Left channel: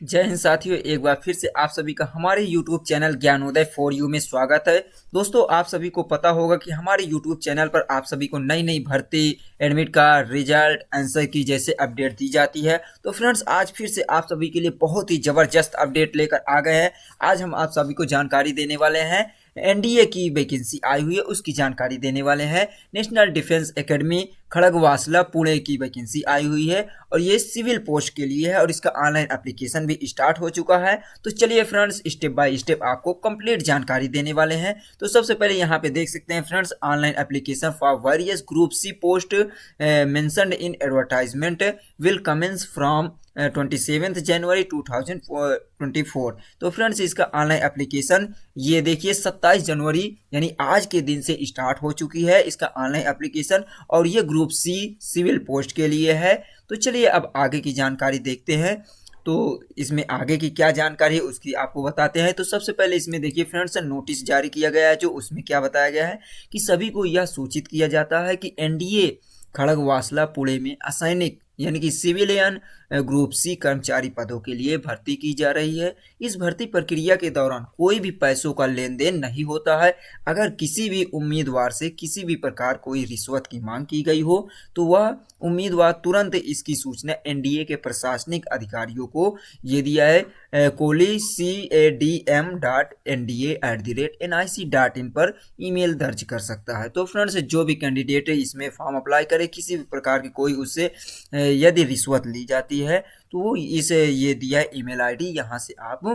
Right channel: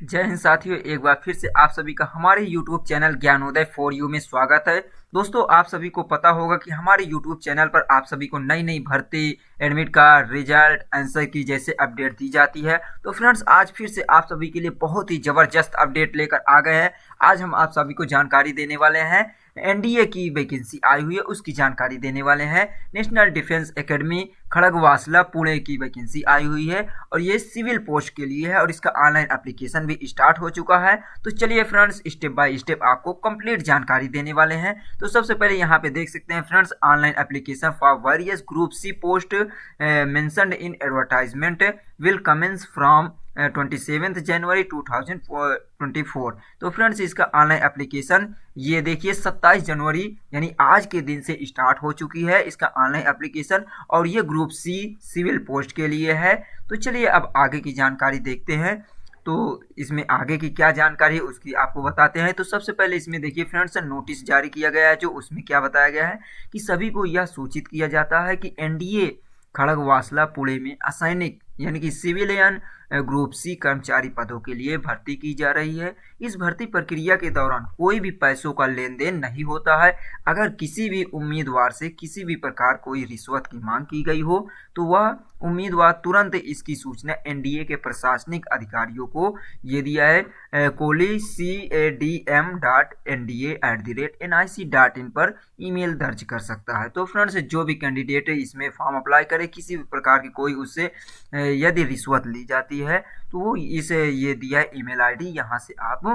जय हिंद साथियों, एक बार फिर से आप सभी का हमारे YouTube channel Gyanoday for you में स्वागत है। दोस्तों, आप सभी को पता होगा कि हमारे YouTube चैनल पर आप सभी को नई नई भर्ती, एडमिट कार्ड, रिजल्ट, आंसर की जैसे अपडेट दी जाती है। तो फ्रेंड्स, आज फिर से आप सभी के लिए बहुत ही ज़बरदस्त अपडेट लेकर आ गए हैं। आज हम आप सभी को जानकारी देने वाले हैं। एनडीए की वैकेंसी आई हुई है, उसकी जानकारी देने वाले हैं। National defence academy Khadakwasla Pune की वैकेंसी आई हुई है और ये सिविल पोस्ट के लिए है और इसका ऑनलाइन एप्लीकेशन भी स्टार्ट हो चुका है। तो चलिए फ्रेंड्स, स्टेप बाय स्टेप आपको कंप्लीट जानकारी देने वाले हैं। तो सबसे पहले यहाँ पे देख सकते हैं friends, online application for various group C post mentioned in advertisement will commence from 27 January 2024। तो फ्रेंड्स, इसका ऑनलाइन एप्लीकेशन ये देखिए 27 जनवरी यानी आज के दिन से स्टार्ट हो चुकी है इसका ऑनलाइन एप्लीकेशन और ये ग्रुप सी सिविल पोस्ट के लिए है। तो चलिए अब आगे की जानकारी देखते हैं। तो इसमें आगे की क्या जानकारी है उसकी आपको बताते हैं। तो सबसे पहले इसमें देखिए फ्रेंड्स, नोटिस जारी किया गया है। जो उसमें क्या बताया गया है कि सभी को यह सूचित किया जाता है कि एनडीए खड़गवासला पुणे में असैनिक यानी कि सिविलियन ग्रुप सी कर्मचारी पदों के लिए भर्ती की जा रही है। इस भर्ती प्रक्रिया के दौरान कोई भी पैसों का लेन देन नहीं होता है। अगर किसी भी उम्मीदवार से किसी भी प्रकार कोई रिश्वत की मांग की गई हो तो वह उम्मीदवार तुरंत इसकी सूचना एनडीए के प्रशासनिक अधिकारियों को ये दिया है कोली CADM.NDA@NIC.in पर ईमेल दर्ज कर सकता है। तो फ्रेंड्स, जो भी कैंडिडेट इसमें फॉर्म अप्लाई करे किसी भी प्रकार की कोई उससे यदि रिश्वत ली जाती है तो वो इसे ये दिया है ईमेल आईडी, यहाँ से आप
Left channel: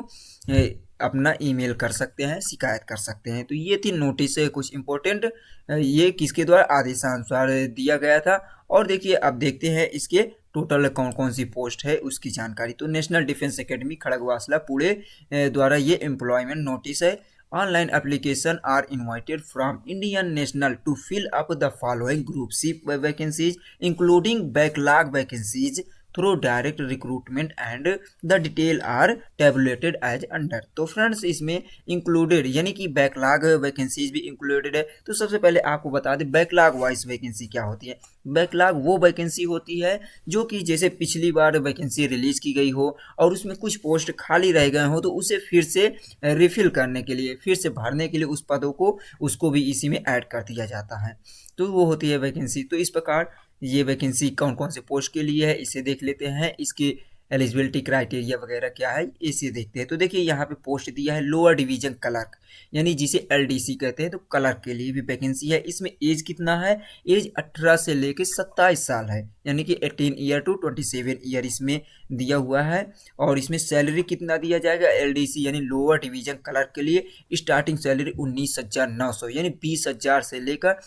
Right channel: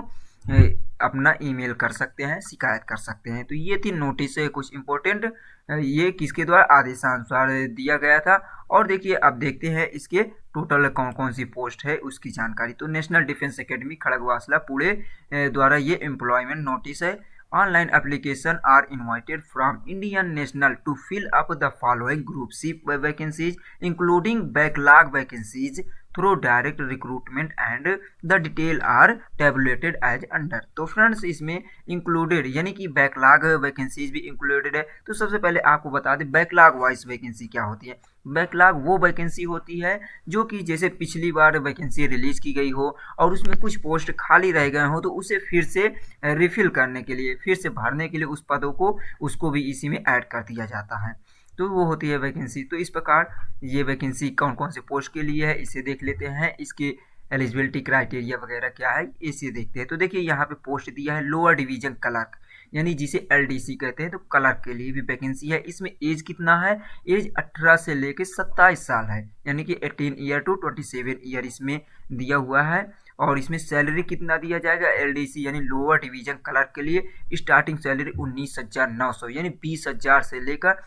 अपना ईमेल कर सकते हैं, शिकायत कर सकते हैं। तो ये थी नोटिस कुछ इम्पोर्टेंट, ये किसके द्वारा आदेशानुसार दिया गया था। और देखिए अब देखते हैं इसके टोटल कौन कौन सी पोस्ट है उसकी जानकारी। तो national defence academy Khadakwasla Pune द्वारा ये एम्प्लॉयमेंट नोटिस है। Online application are invited from Indian national to fill up the following group C vacancies including backlog vacancies through direct recruitment and the detail are tabulated as under. तो friends, इसमें included यानी कि backlog vacancies भी included है। तो सबसे पहले आपको बता दें बैकलॉग वाइज वैकेंसी क्या होती है। बैकलॉग वो वैकेंसी होती है जो कि जैसे पिछली बार वैकेंसी रिलीज की गई हो और उसमें कुछ पोस्ट खाली रह गए हो तो उसे फिर से रिफिल करने के लिए, फिर से भरने के लिए उस पदों को उसको भी इसी में ऐड कर दिया जाता है। तो वो होती है वैकेंसी। तो इस प्रकार ये वैकेंसी कौन कौन से पोस्ट के लिए है इसे देख लेते हैं। इसके एलिजिबिलिटी क्राइटेरिया वगैरह क्या है इसे देखते हैं। तो देखिए यहाँ पे पोस्ट दिया है लोअर डिवीजन क्लर्क यानी जिसे एलडीसी कहते हैं। तो क्लर्क के लिए भी वैकेंसी है। इसमें एज कितना है, एज 18 से लेकर 27 साल है यानी कि 18 ईयर टू 27 ईयर इसमें दिया हुआ है। और इसमें सैलरी कितना दिया जाएगा एलडीसी यानी लोअर डिवीजन क्लर्क के लिए, स्टार्टिंग सैलरी 19,900 यानी 20,000 से लेकर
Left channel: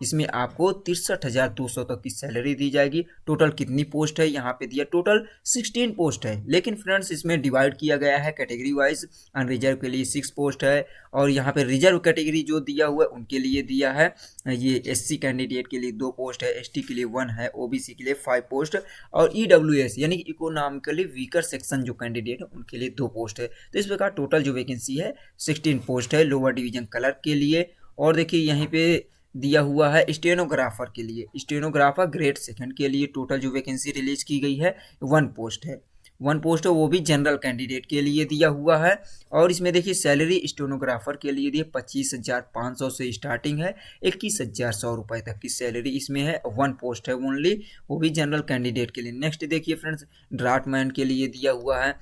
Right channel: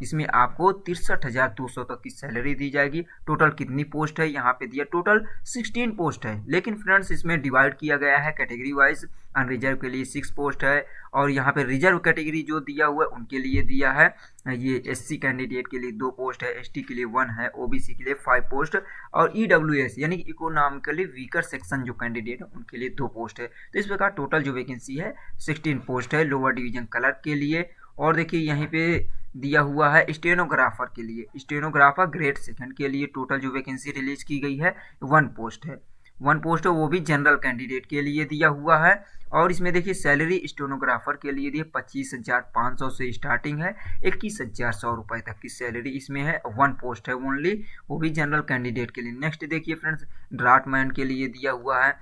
इसमें आपको 63,200 तक की सैलरी दी जाएगी। टोटल कितनी पोस्ट है यहाँ पे दिया, टोटल 16 पोस्ट है। लेकिन फ्रेंड्स, इसमें डिवाइड किया गया है कैटेगरी वाइज। अनरिजर्व के लिए 6 पोस्ट है और यहाँ पे रिजर्व कैटेगरी जो दिया हुआ है उनके लिए दिया है। ये एससी कैंडिडेट के लिए 2 पोस्ट है, एसटी के लिए 1 है, ओबीसी के लिए 5 पोस्ट और ईडब्ल्यूएस यानी कि इकोनॉमिकली वीकर सेक्शन जो कैंडिडेट है उनके लिए 2 पोस्ट है। तो इस प्रकार टोटल जो वैकेंसी है 16 पोस्ट है लोअर डिवीजन क्लर्क के लिए। और देखिए यहीं पे दिया हुआ है स्टेनोग्राफर के लिए, स्टेनोग्राफर ग्रेड सेकंड के लिए टोटल जो वैकेंसी रिलीज की गई है 1 पोस्ट है। 1 पोस्ट है वो भी जनरल कैंडिडेट के लिए दिया हुआ है। और इसमें देखिए सैलरी स्टेनोग्राफर के लिए दिए 25,500 से स्टार्टिंग है, 21,100 रुपये तक की सैलरी इसमें है। 1 पोस्ट है ओनली, वो भी जनरल कैंडिडेट के लिए। नेक्स्ट देखिए फ्रेंड्स, ड्राफ्टमैन के लिए दिया हुआ है।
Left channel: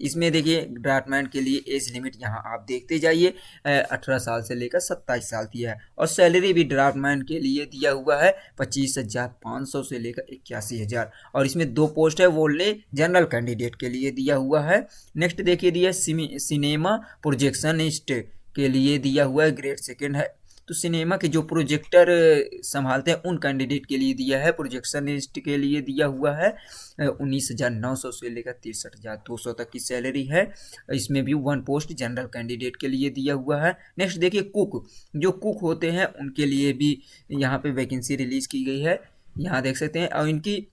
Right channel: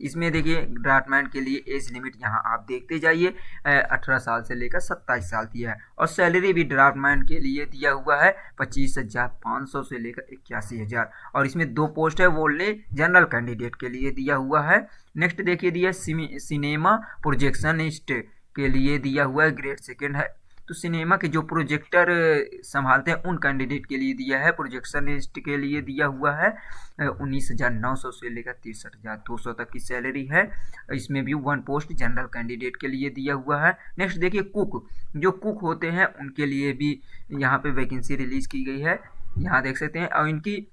इसमें देखिए ड्राफ्टमैन के लिए एज लिमिट यहाँ आप देखते जाइए 18 साल से लेकर 27 साल की है। और सैलरी भी ड्राफ्टमैन के लिए दिया हुआ है 25,500 से लेकर 81,000। और इसमें 2 पोस्ट है वो ले जनरल कैंडिडेट के लिए दिया हुआ है। नेक्स्ट देखिए दिया सिनेमा प्रोजेक्शनिस्ट के लिए दिया हुआ है, ग्रेड सेकंड है। तो सिनेमा के जो प्रोजेक्टर संभालते हैं उन कैंडिडेट के लिए दिया है। प्रोजेक्शनिस्ट के लिए दिया हुआ है 19,900 से लेकर 63,200 तक की सैलरी है। इसमें भी 1 पोस्ट जनरल कैंडिडेट के लिए दिया हुआ है। नेक्स्ट देखिए कुक, जो कुक होते हैं उनके लिए भी यहाँ पे वैकेंसी रिलीज की गई है, यहाँ देख सकते हैं। और इनकी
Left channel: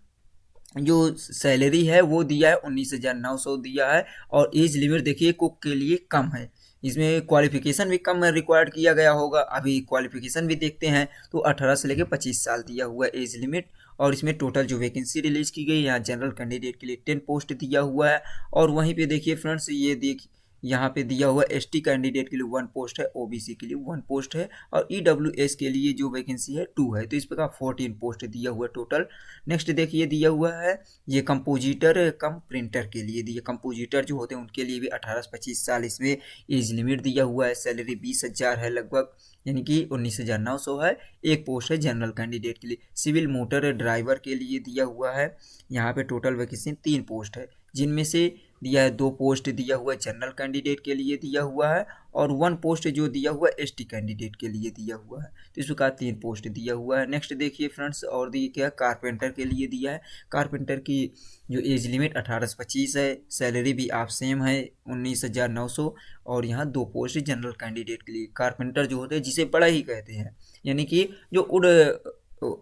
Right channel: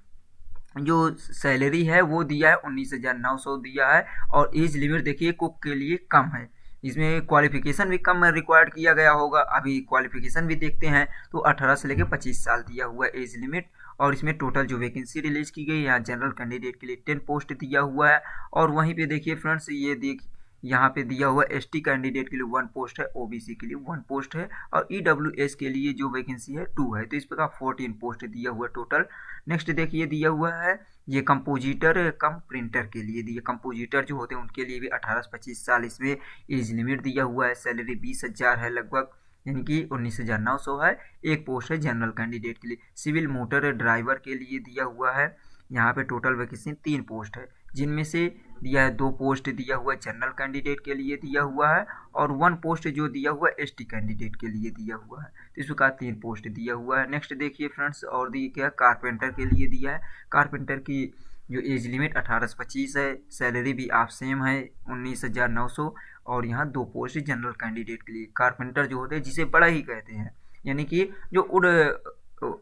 जो सैलरी है वो दिया है 19,900 दिया है। और एज लिमिट देखिए कुक के लिए कम है इसमें क्वालिफिकेशन भी कम रिक्वायर्ड किया गया होगा। अभी क्वालिफिकेशन भी देखते हैं तो 18 से लेकर 25 साल दिया हुआ है एज लिमिट। और इसमें टोटल जो वैकेंसी रिलीज की गई, यहाँ जनरल कैंडिडेट के लिए 10 पोस्ट दिया हुआ है। और वहीं पे देखिए फ्रेंड्स, ये देखिए यहाँ पे दिया हुआ एसटी कैंडिडेट के लिए 1 पोस्ट है, ओबीसी के लिए 1 पोस्ट है, और ईडब्ल्यूएस के लिए जो वैकेंसी है 2 है। तो इस प्रकार 14 पोस्ट दिया हुआ टोटल। नेक्स्ट देखिए दिया हुआ है ये कंपोजिटर कम प्रिंटर के लिए दिया। कंपोजिटर जो होते हैं उनके लिए भी 18 से 25 साल इसमें एज लिमिट दिया हुआ है। सैलरी 20,000 है लगभग, यानी कि 19,900 है। एक पोस्ट है जनरल कैंडिडेट के लिए। सिविल मोटर ड्राइवर के लिए दिया हुआ है, यहाँ पे टोटल वैकेंसी 3 पोस्ट है, जिनमें से दिया है 2 पोस्ट दिया हुआ है जनरल कैंडिडेट के लिए दिया हुआ है, और 1 पोस्ट जो दिया हुआ है एसटी कैंडिडेट के लिए दिया हुआ है। तो इस प्रकार 3 पोस्ट दिया हुआ है। नेक्स्ट देखिए फ्रेंड्स, और दिए क्या कारपेंटर के लिए दिया है। कारपेंटर की जो एज लिमिट 18 से 25 है, सैलरी भी आप सेम है 19,900, और यहाँ 2 पोस्ट जनरल कैंडिडेट के लिए। कारपेंटर जो होते हैं जिसे बड़ा ही कहते हैं, यानी कि जो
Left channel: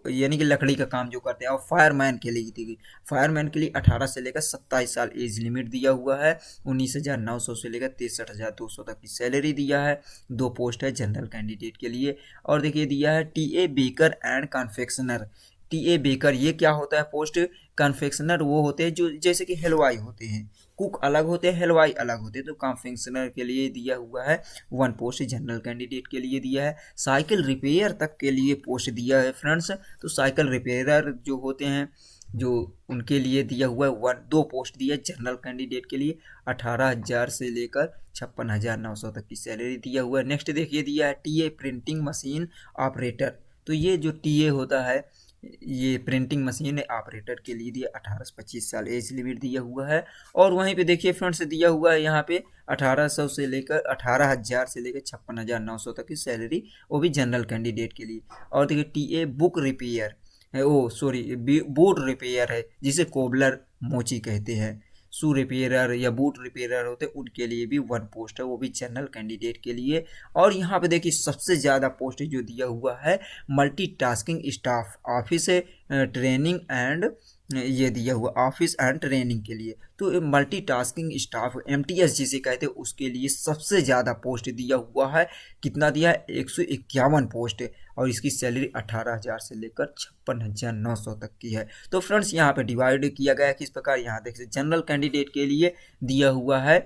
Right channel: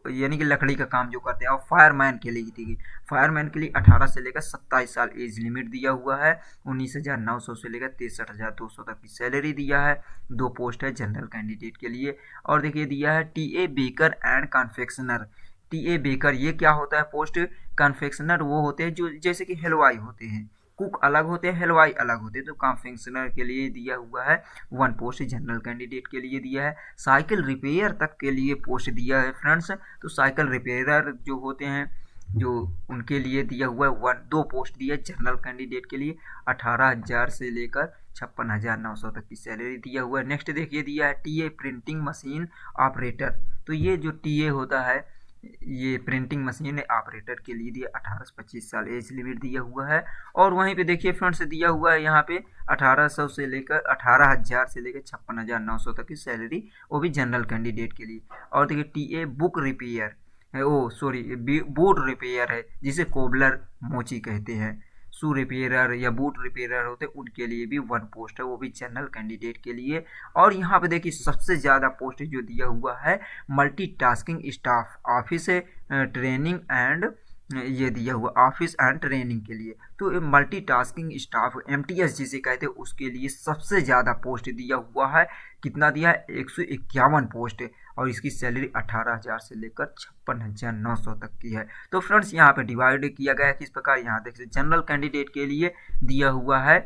यानी कि लकड़ी का काम जो करते हैं। और फायरमैन के लिए थी, फायरमैन के लिए 18 से लेकर 27 साल एज लिमिट दिया हुआ है। 19,900 से लेकर 63,200 तक की सैलरी दिया है। 2 पोस्ट है जनरल कैंडिडेट के लिए। और देखिए दिया है TA baker and confectioner. TA baker ये क्या होता है पोस्ट? कन्फेक्शनर वो होते हैं जो जैसे कि हलवाई होते हैं, कुक अलग होते हैं, हलवाई अलग होते हैं। तो कन्फेक्शनर के लिए दिया हुआ है 1 पोस्ट जनरल कैंडिडेट के लिए दिया है। साइकिल रिपेयर तक के लिए पोस्ट दिया है फ्रेंड्स। तो साइकिल रिपेयर जो होते हैं जो उनके लिए दिया हुआ है 2 पोस्ट दिया है जनरल कैंडिडेट के लिए। 18,000 से लेकर 56,900 तक की सैलरी दिया हुआ है। नेक्स्ट देखिए दिया है टीए प्रिंटिंग मशीन ऑपरेटर। तो ये जो टीए होता है ये प्रिंटिंग मशीन ऑपरेटर के लिए दिया 18 से 25 साल एज लिमिट दिया हुआ है। और वहीं पे देखिए फ्रेंड्स दिया हुआ है यहाँ पे 1800 से लेकर 18,000 से लेकर 56,900 तक की सैलरी, वो भी जनरल कैंडिडेट के लिए। और देखिए टीए बुक रिपेयर है, ओ सॉरी बूट रिपेयर है, जिसे कोबलर मोची कहते हैं। शू रिपेयरर या बूट रिपेयरर होते हैं उनके लिए भी 1 पोस्ट है, वो भी जनरल कैंडिडेट के लिए। और यहाँ पे देखिए सबसे ज़्यादा पोस्ट जो दिया हुआ है multitasking staff office training and, ये दिया हुआ ऑफिस एंड ट्रेनिंग के लिए। तो मल्टीटास्किंग स्टाफ एमटीएस जिसे कहते हैं उसके लिए सबसे ज़्यादा पोस्ट दिया हुआ है। कितना दिया है? 151 पोस्ट है, और इसकी सैलरी 18,000 से लेकर 56,900 तक की है। तो फ्रेंड्स यहाँ पे डिवाइड किया गया है किस प्रकार, यहाँ देखिए जनरल कैंडिडेट के लिए दिया हुआ है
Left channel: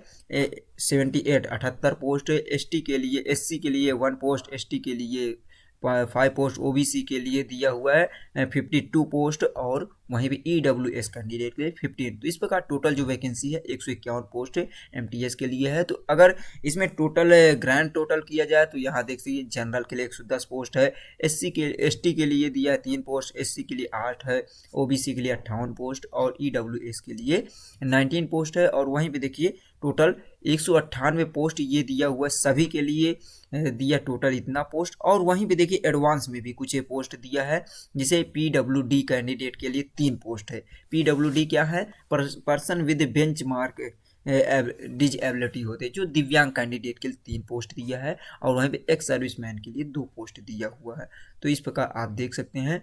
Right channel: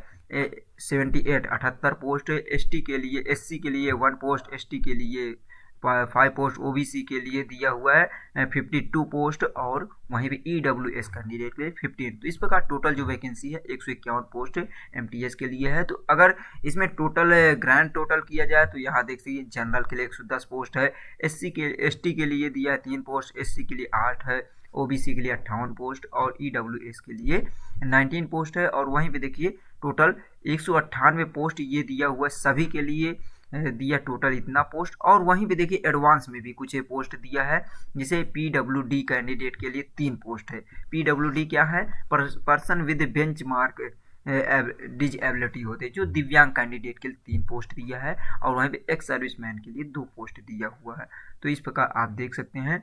78 पोस्ट, एसटी के लिए, एससी के लिए 1 पोस्ट, एसटी के लिए 5 पोस्ट, ओबीसी के लिए दिया हुआ है 52 पोस्ट, और वहीं पे ईडब्ल्यूएस कैंडिडेट के लिए 15। तो इस प्रकार टोटल जो वैकेंसी है 151 पोस्ट एमटीएस के लिए है। तो अगर इसमें टोटल ग्रैंड टोटल किया जाए तो यहाँ देख सकिए जनरल के लिए 110 पोस्ट है, एसटी के लिए दिया है 3 पोस्ट, एससी के लिए 8 है, ओबीसी के लिए 58 पोस्ट, और ईडब्ल्यूएस के लिए 19 पोस्ट है। और वहीं पे देखिए टोटल 198 पोस्ट ये दिया हुआ है सभी के लिए, दिया टोटल इतना पोस्ट। और वहीं पे देखिए एडवांस में भी कुछ पोस्ट दिया है, जिसे पीडब्ल्यूडी कैंडिडेट के लिए 3 पोस्ट है। पीडब्ल्यूडी क्या है? पर्सन विद बेंचमार्क डिजेबिलिटी होते हैं, जो दिव्यांग कैंडिडेट के लिए 3 पोस्ट दिया है। और वहीं पे एक्स सर्विसमैन के लिए 2 पोस्ट दिया हुआ है। तो इस प्रकार आप देख सकते हैं।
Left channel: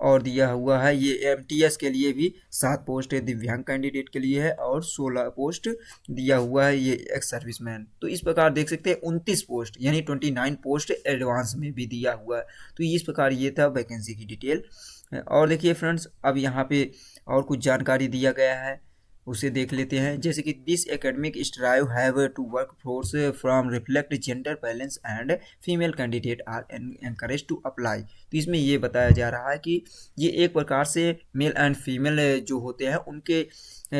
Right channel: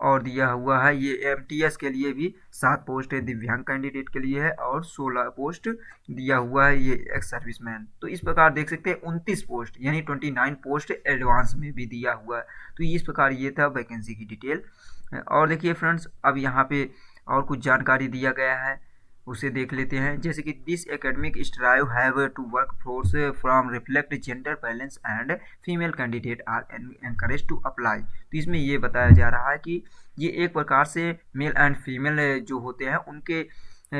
और दिया हुआ है ये एमटीएस के लिए भी 7 पोस्ट है, दिव्यांग कैंडिडेट के लिए है, और 16 पोस्ट दिया हुआ है ये एक्स सर्विसमैन। तो इस प्रकार देख सकते हैं 29 पोस्ट यानी 29 पोस्ट एडवांस में भी दिया हुआ है। तो इस प्रकार ये था वैकेंसी की डिटेल। और देखिए फ्रेंड्स अब यहाँ पे और कुछ जानकारी दिया गया है, उसे देख लेते हैं। जैसे कि this academic strive have to work force from reflect gender balance and female candidate are encourage to apply. तो इसमें ये बताया जा रहा है कि ये एक प्रकार से मेल एंड फीमेल जो होते हैं उनके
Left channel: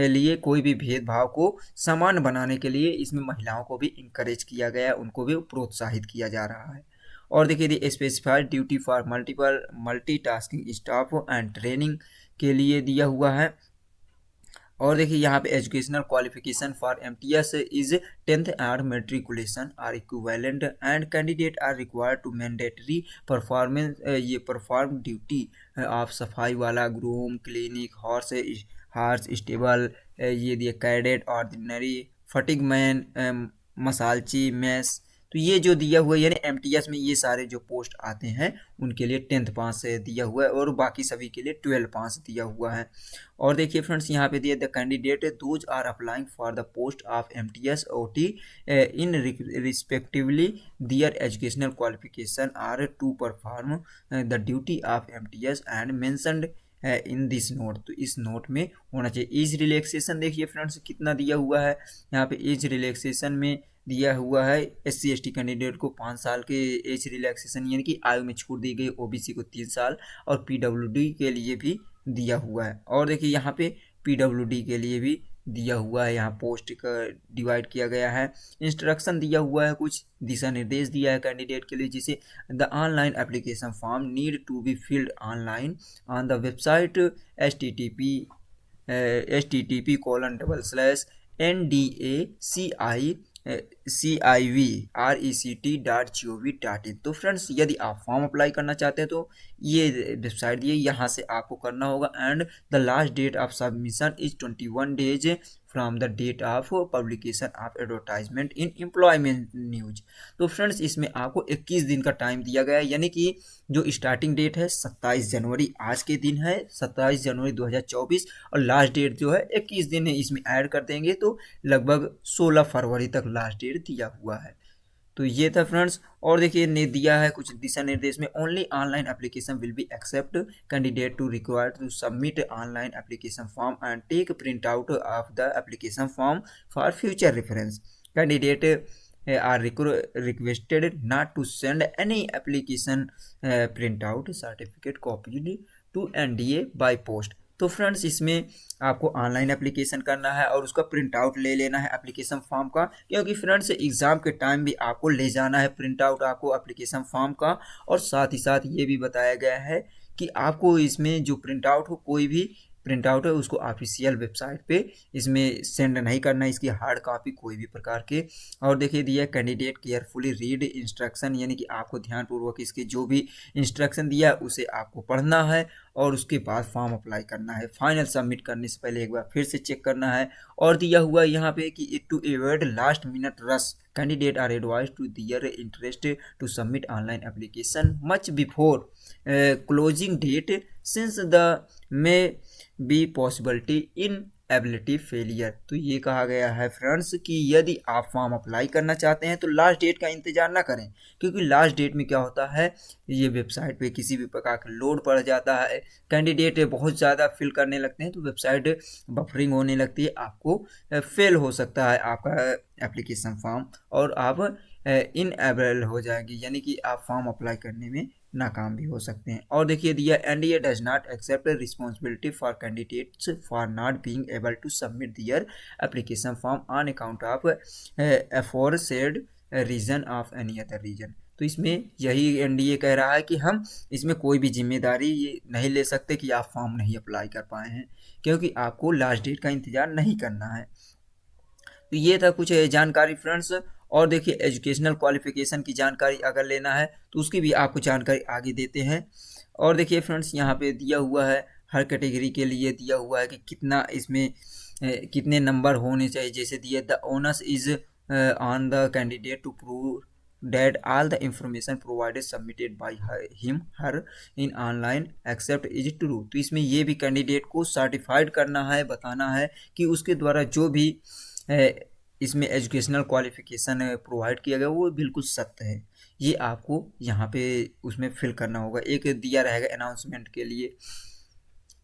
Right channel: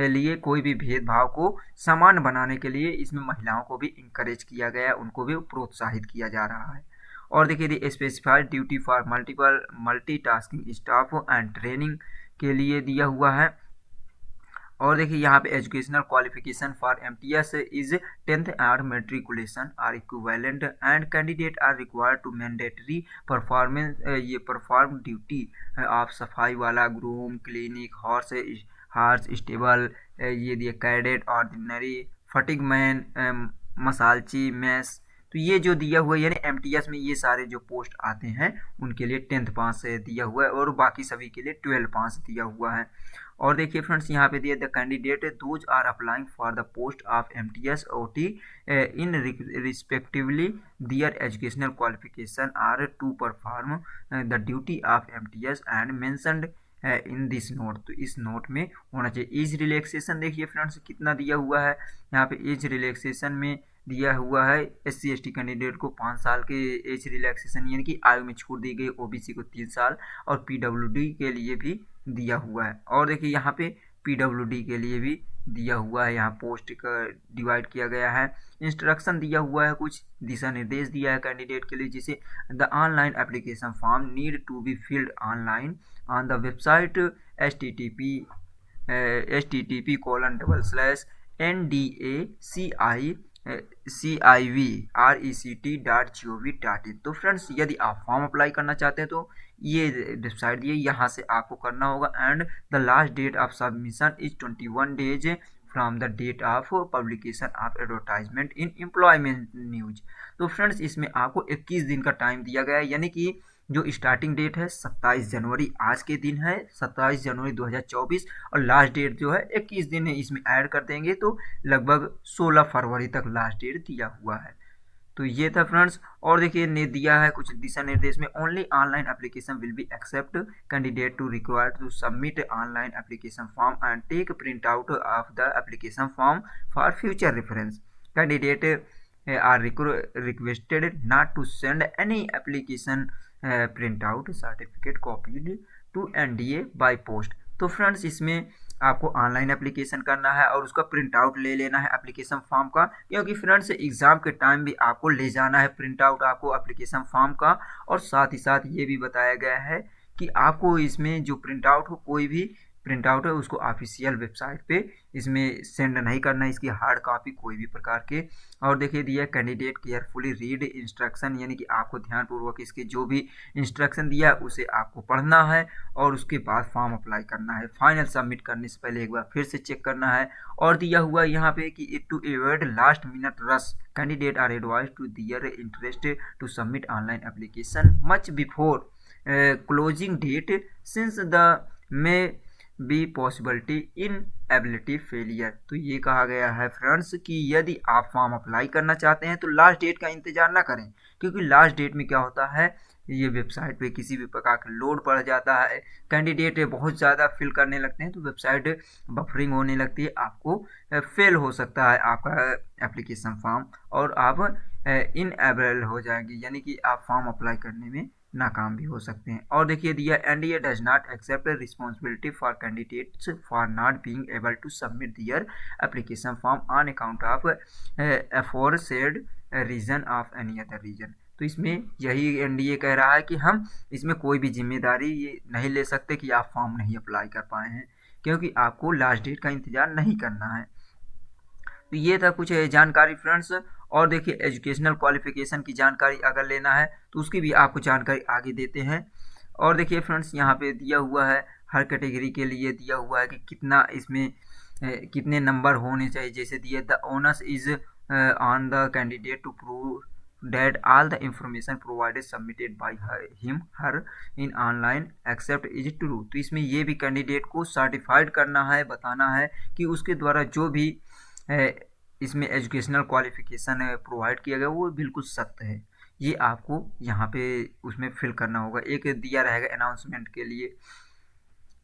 लिए कोई भी भेदभाव को समान बनाने के लिए इसमें महिलाओं को भी इंकरेज किया गया है, उनको भी प्रोत्साहित किया जा रहा है। और देखिए the specified duty for multitasking staff and training के लिए दिया हुआ है। और देखिए यहाँ पे educational qualification for MTS is 10th और matriculation or equivalent and candidate are required to mandatory performance ये परफॉर्म ड्यूटी ऑफ सफाई वाला, ग्रूम, क्लिनिक, हॉर्स स्टेबल, ये दिए कैडेट, ऑर्डिनरी, फटिग मैन, मसालची, मैस। तो ये जो दिया हुआ है यानी एमटीएस में ये सारे जो पोस्ट आते हैं उनके लिए 10th पास दिया हुआ है और बाकी सभी के लिए 12 पास दिया हुआ है। और देखिए फ्रेंड्स यहाँ पे दिया the candidate those are applying for the post of MTS OT in respectively their educational qualification are to perform the duty of MTS and mentioned in this note. तो इस नोट में होना चाहिए। एज रिलैक्सेशन देखिए friends कितना दिया हुआ है यहाँ पे। एज रिलैक्सेशन में दिया हुआ है SC ST कैंडिडेट को 5 साल के एज रिलैक्सेशन यानी कि आयु में छूट दी गई। OBC को 3 साल और PWD के लिए भी दिया हुआ है। और देखिए यहाँ पे PWD के लिए भी दिया हुआ है। यहाँ पोस्ट का डिवाइड किया गया है। इंस्ट्रक्शन दिया हुआ है, कुछ दिशा निर्देश दिया है कैंडिडेट के लिए, जिसे the online application form need to be filled online on the website http://NDACIVRECT.gov.in। तो फ्रेंड्स यदि आप फॉर्म अप्लाई करना चाहते हैं तो ये वेबसाइट दिए, यहाँ से आपको करना होगा। And the last date of submission is 21 days from the date of publication of advertisement in employment news. तो फ्रेंड्स इसमें आपको 21 दिन का टाइम दिया गया है, यानी कि जो स्टार्टिंग डेट है 27 जनवरी आज के दिन है 27 जनवरी 2024 और लास्ट डेट जो है 21 दिन है, इसमें ऐड कर देंगे तो लगभग 16 फरवरी तक लास्ट डेट दिया हुआ है। तो ये था फ्रेंड्स। और देखिए ने दिया है कुछ दिशा निर्देश में, only online application will be accept candidate to required to submit online application form and take print out of the application form for future reference. Candidate are requested not to send any application printout certificate copied to NDA by post। तो friends इसमें आपको online application करना है और उसका print out ले लेना है एप्लीकेशन फॉर्म का, क्योंकि फ्रेंड्स एग्जाम के टाइम भी आपको ले जाना है प्रिंट आउट आपको एप्लीकेशन फॉर्म का। और साथ ही साथ ये भी बताया गया है कि आपको इसमें जो प्रिंट आउट हो, कोई भी प्रिंट आउट है उसको ऑफिशियल वेबसाइट पे इसमें सेंड नहीं करना है, इसकी हार्ड कॉपी कोई भी प्रकार के। और देखिए दिया कैंडिडेट केयरफुली रीड इंस्ट्रक्शन, यानी कि आपको ध्यानपूर्वक इसके जो भी इंस्ट्रक्शन दिया है उसे आपको पढ़ना है और उसके बाद फॉर्म अप्लाई करना है। फाइनल सबमिट करने से पहले एक बार फिर से चेक करना है। और दिया हुआ यहाँ पे कि to avoid last minute rush candidate are advise to their interest to submit online application much before closing date since the may be possibility inability failure. तो ये कहा गया है फ्रेंड्स कि यदि आप फॉर्म अप्लाई करना चाहते हैं तो लास्ट डेट का इंतजार ना करें, क्योंकि लास्ट डेट में क्या होता है ये वेबसाइट पे किसी भी प्रकार का लोड पड़ जाता है, कैंडिडेट बहुत ज़्यादा फिल करने लगते हैं तो वेबसाइट बफरिंग होने लगती है, आपको फेल हो सकता है आपका एप्लीकेशन फॉर्म और आप इनएबल हो जाएंगे, यानी कि आप फॉर्म अप्लाई करने में नाकाम भी हो सकते हैं। और देखिए दिया NDA does not accept responsibility for candidates for not being able to submit their application form on account of aforesaid reason of any other reason. तो इसमें यही NDA कह रहा है कि हम इसमें कोई भी जिम्मेदारी ये नहीं ले सकते कि आप फॉर्म नहीं अप्लाई कर पाए हैं, क्योंकि आपको लास्ट डेट का इंतजार नहीं करना है। तो ये था कुछ जानकारी फ्रेंड्स। और देखिए एजुकेशनल क्वालिफिकेशन की जानकारी अगर लेना है तो उसकी भी आपको जानकारी आगे देते हैं। और देखिए फ्रेंड्स यहाँ पे दिया हुआ है हर कैटेगरी के लिए दिया हुआ है कि कितना इसमें कितने नंबर होने चाहिए। जैसे दिए the onus is on the candidate to prove that all the information provided submitted by him her in online accept is true। तो इसमें ये भी कैंडिडेट को सर्टिफाइड करना है, बताना है कि उसके द्वारा जो भी इसमें एजुकेशनल क्वालिफिकेशन प्रोवाइड किया गया वो बिल्कुल सत्य है। ये आपको यहाँ पे उसमें फिल करना होगा, एक दिया रहेगा अनाउंसमेंट के लिए।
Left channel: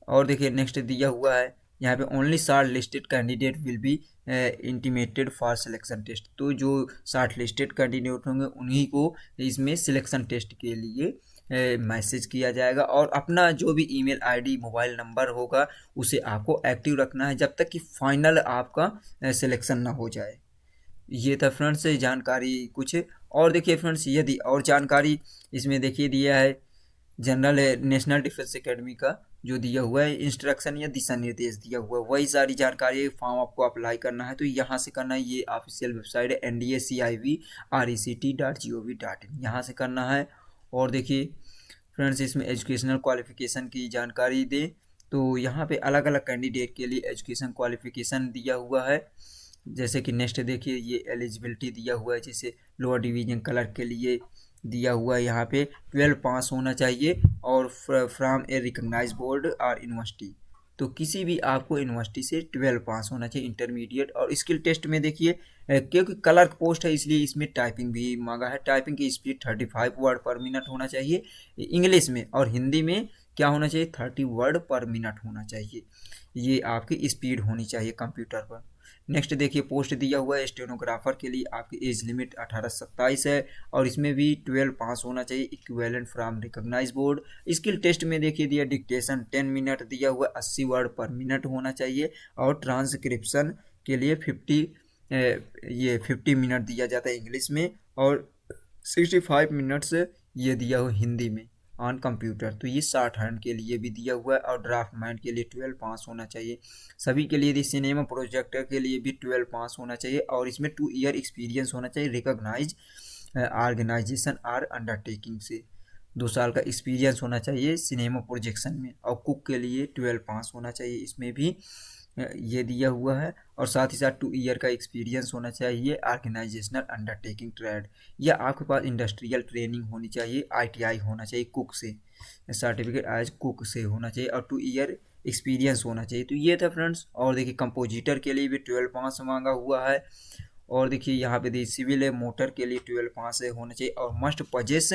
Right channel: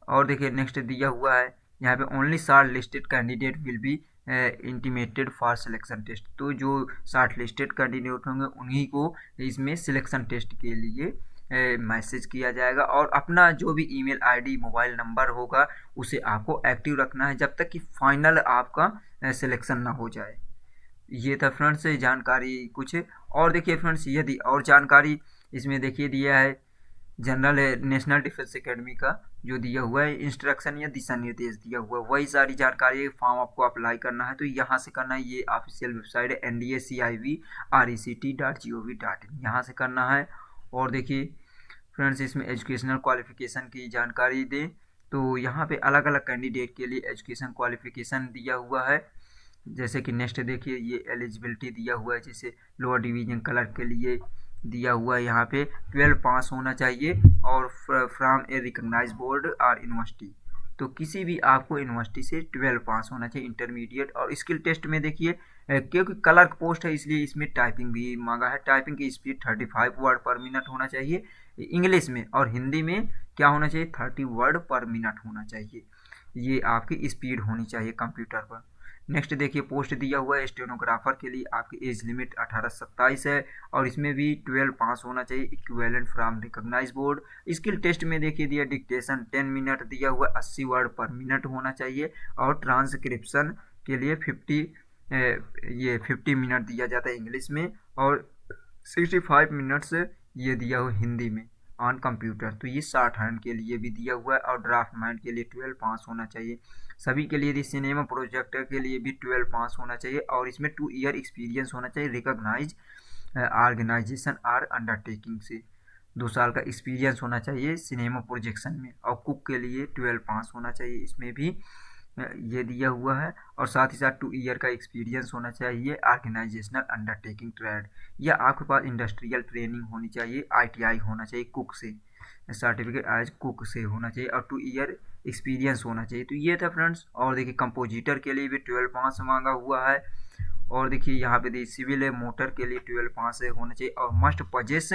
और देखिए नेक्स्ट दिया हुआ है यहाँ पे only shortlisted candidate will be intimated for selection test. तो जो शॉर्ट लिस्टेड कैंडिडेट होंगे उन्हीं को इसमें सिलेक्शन टेस्ट के लिए मैसेज किया जाएगा और अपना जो भी ईमेल आईडी मोबाइल नंबर होगा उसे आपको एक्टिव रखना है जब तक कि फाइनल आपका सिलेक्शन ना हो जाए। ये था फ्रेंड्स जानकारी कुछ। और देखिए फ्रेंड्स यदि और जानकारी इसमें देखिए दिया है जनरल नेशनल डिफेंस एकेडमी का जो दिया हुआ है इंस्ट्रक्शन या दिशा निर्देश दिया हुआ है, वही सारी जानकारी फॉर्म आपको अप्लाई करना है तो यहाँ से करना है। ये ऑफिशियल वेबसाइट है NDACIVRECT.gov.in, यहाँ से करना है। और देखिए फ्रेंड्स इसमें एजुकेशनल क्वालिफिकेशन की जानकारी दे तो यहाँ पे अलग अलग कैंडिडेट के लिए एजुकेशन क्वालिफिकेशन दिया हुआ है। जैसे कि नेक्स्ट देखिए ये एलिजिबिलिटी दिया हुआ है, जैसे लोअर डिवीजन क्लर्क के लिए दिया हुआ है यहाँ पे 12 पास होना चाहिए और फ्रॉम ए रिकॉग्नाइज बोर्ड और यूनिवर्सिटी। तो किसी भी आपको यूनिवर्सिटी से 12 पास होना चाहिए इंटरमीडिएट। और स्किल टेस्ट में देखिए क्योंकि क्लर्क पोस्ट है इसलिए इसमें टाइपिंग भी मांगा है। टाइपिंग की स्पीड 35 वर्ड पर मिनट होना चाहिए इंग्लिश में, और हिंदी में क्या होना चाहिए 30 वर्ड पर मिनट होना चाहिए। ये आपकी स्पीड होनी चाहिए कंप्यूटर पर। नेक्स्ट देखिए पोस्ट दिया हुआ है स्टेनोग्राफर के लिए, आपकी एज लिमिट 18 से 27 है और इसमें भी 12 पास होना चाहिए equivalent from recognise board. Skill test में देखिए दिया डिक्टेशन 10 मिनट दिया हुआ 80 वर्ड पर मिनट होना चाहिए और ट्रांसक्रिप्शन के लिए 50 मिनट दिया जाता है इंग्लिश में और 65 मिनट्स ये दिया हुआ हिंदी में ऑन कंप्यूटर। तो ये 60 हैंड के लिए भी दिया हुआ है और ड्राफ्ट मैन के लिए 12 पास होना चाहिए सभी के लिए। सिनेमा प्रोजेक्टर के लिए भी 12 पास होना चाहिए और इसमें 2 ईयर एक्सपीरियंस होना चाहिए रिकॉग्नाइज ऑर्गेनाइजेशन आर अंडरटेकिंग से। 2 साल का एक्सपीरियंस होना चाहिए सिनेमा प्रोजेक्शन में। और कुक के लिए 12 पास होना चाहिए, इसमें भी ये दिया हुआ है। और साथ ही साथ 2 ईयर का एक्सपीरियंस होना चाहिए ऑर्गेनाइजेशनल अंडरटेकिंग ट्रेड, या आपके पास इंडस्ट्रियल ट्रेनिंग होनी चाहिए ITI होना चाहिए कुक से, सर्टिफिकेट एज कुक से होना चाहिए और 2 ईयर एक्सपीरियंस होना चाहिए। तो ये था फ्रेंड्स। और देखिए कंपोजिटर के लिए भी 12 पास मांगा हुआ है। और देखिए यहाँ पे सिविल मोटर के लिए 12 पास होना चाहिए और must possess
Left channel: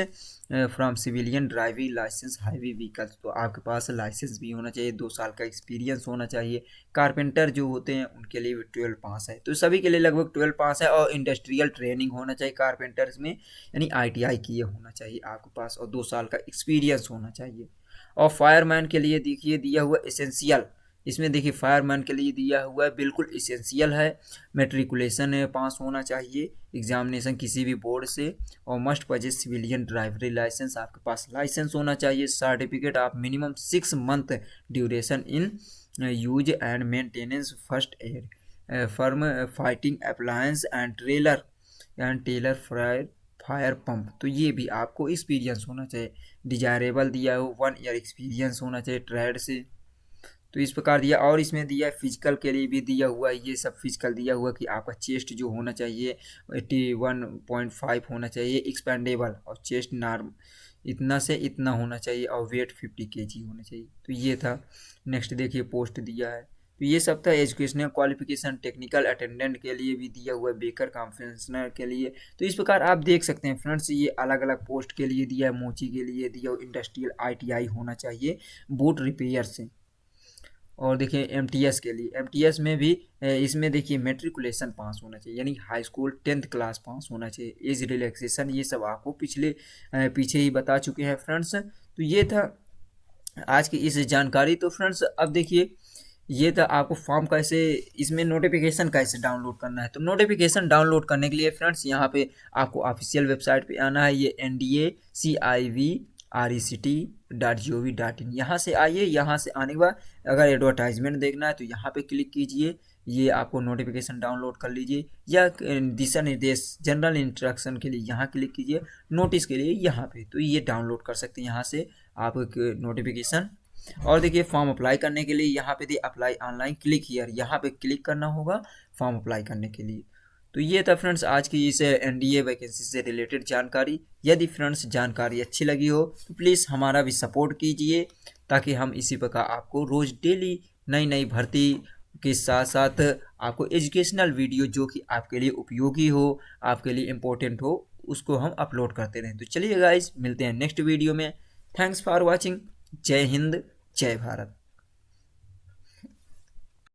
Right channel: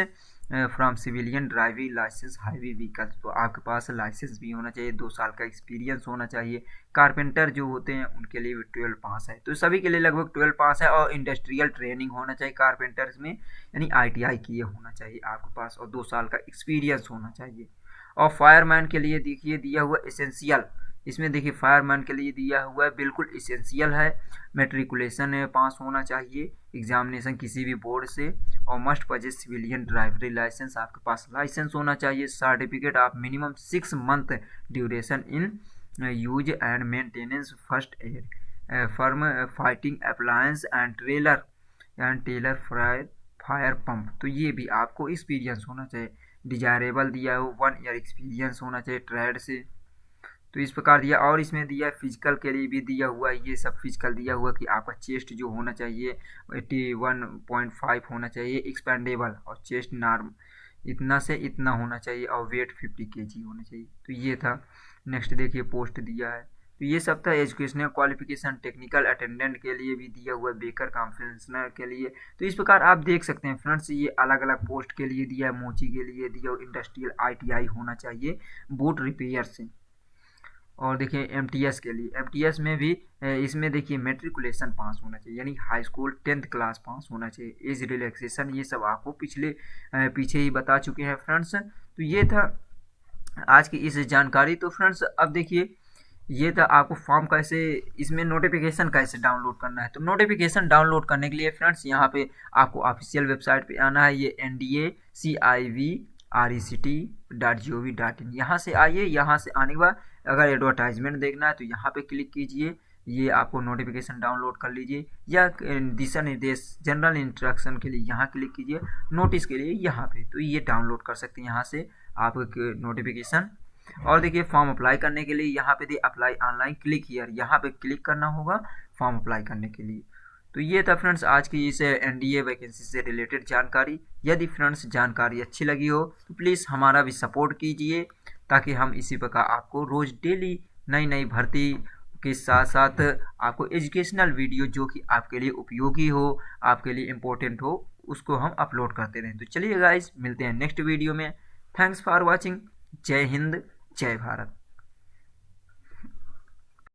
from civilian driving licence highway vehicles. तो आपके पास लाइसेंस भी होना चाहिए, 2 साल का एक्सपीरियंस होना चाहिए। कारपेंटर जो होते हैं उनके लिए भी 12 पास है। तो सभी के लिए लगभग 12 पास है और इंडस्ट्रियल ट्रेनिंग होना चाहिए कारपेंटर्स में, यानी ITI किए होना चाहिए आपके पास और 2 साल का एक्सपीरियंस होना चाहिए। और फायरमैन के लिए देखिए दिया हुआ एसेंशियल, इसमें देखिए फायरमैन के लिए दिया हुआ है बिल्कुल इसेंशियल है, मेट्रिकुलेशन पास होना चाहिए एग्जामिनेशन किसी भी बोर्ड से और must possess civilian driving licence, आपके पास लाइसेंस होना चाहिए। Certificate of minimum 6 month duration in use and maintenance first aid firm fighting appliance and trailer fire pump. तो ये भी आपको एक्सपीरियंस होना चाहिए। डिजायरेबल दिया हो 1 ईयर एक्सपीरियंस होना चाहिए ट्रेड से। तो इस प्रकार दिया। और इसमें दिया फिजिकल के लिए भी दिया हुआ है, ये सब फिजिकल दिया हुआ कि आपका चेस्ट जो होना चाहिए 81.5 होना चाहिए एक्सपेंडेबल और चेस्ट नॉर्म इतना से इतना होना चाहिए और वेट 50 kg होना चाहिए। तो ये था। नेक्स्ट देखिए पोस्ट दिया है। तो ये सब था एजुकेशनल क्वालिफिकेशन। टेक्निकल अटेंडेंट के लिए भी दिया हुआ है, बेकर कॉन्फ्रेंसनर के लिए। तो इस प्रकार आप देख सकते हैं फ्रेंड्स, ये अलग अलग पोस्ट के लिए दिया है। मोची के लिए दिया हुआ इंडस्ट्रियल ITI होना चाहिए बोट रिपेयर से। और देखिए MTS के लिए, MTS में भी इसमें देखिए मेट्रिकुलेशन पास होना चाहिए, यानी high school 10th class pass होना चाहिए। एज रिलैक्सेशन ये सब आपको पीछे ही बता चुके हैं फ्रेंड्स। तो ये था आज की इस जानकारी। तो फ्रेंड्स अब देखिए ये था आपको फॉर्म कैसे, इसमें नोटिफिकेशन कैसे डाउनलोड करना है। तो नोटिफिकेशन डाउनलोड करने के लिए फ्रेंड्स यहाँ पे आपको ऑफिशियल वेबसाइट पे आना है, ये NDACIVRECT.gov.in। यहाँ से आइए। यहाँ से आने के बाद अगर एडवर्टाइजमेंट देखना है तो यहाँ पे क्लिक कीजिए, ये आपको नोटिफिकेशन डाउनलोड कर लीजिए। या दिशा निर्देश जनरल इंस्ट्रक्शन के लिए यहाँ क्लिक कीजिए, नोटिस के लिए यहाँ पे। तो ये डाउनलोड कर सकते हैं यहाँ से आप नोटिफिकेशन। और देखिए फॉर्म अप्लाई करने के लिए यहाँ पे अप्लाई ऑनलाइन क्लिक हियर, यहाँ पे क्लिक करना होगा फॉर्म अप्लाई करने के लिए। तो ये था फ्रेंड्स आज की इस NDA वैकेंसी से रिलेटेड जानकारी। यदि फ्रेंड्स जानकारी अच्छी लगी हो तो प्लीज़ हमारा भी सपोर्ट कीजिए, ताकि हम इसी प्रकार आपको रोज़ डेली नई नई भर्ती के साथ साथ आपको एजुकेशनल वीडियो जो कि आपके लिए उपयोगी हो, आपके लिए इम्पोर्टेंट हो, उसको हम अपलोड करते रहें। तो चलिए गाइज मिलते हैं नेक्स्ट वीडियो में। Thanks for watching. जय हिंद, जय भारत।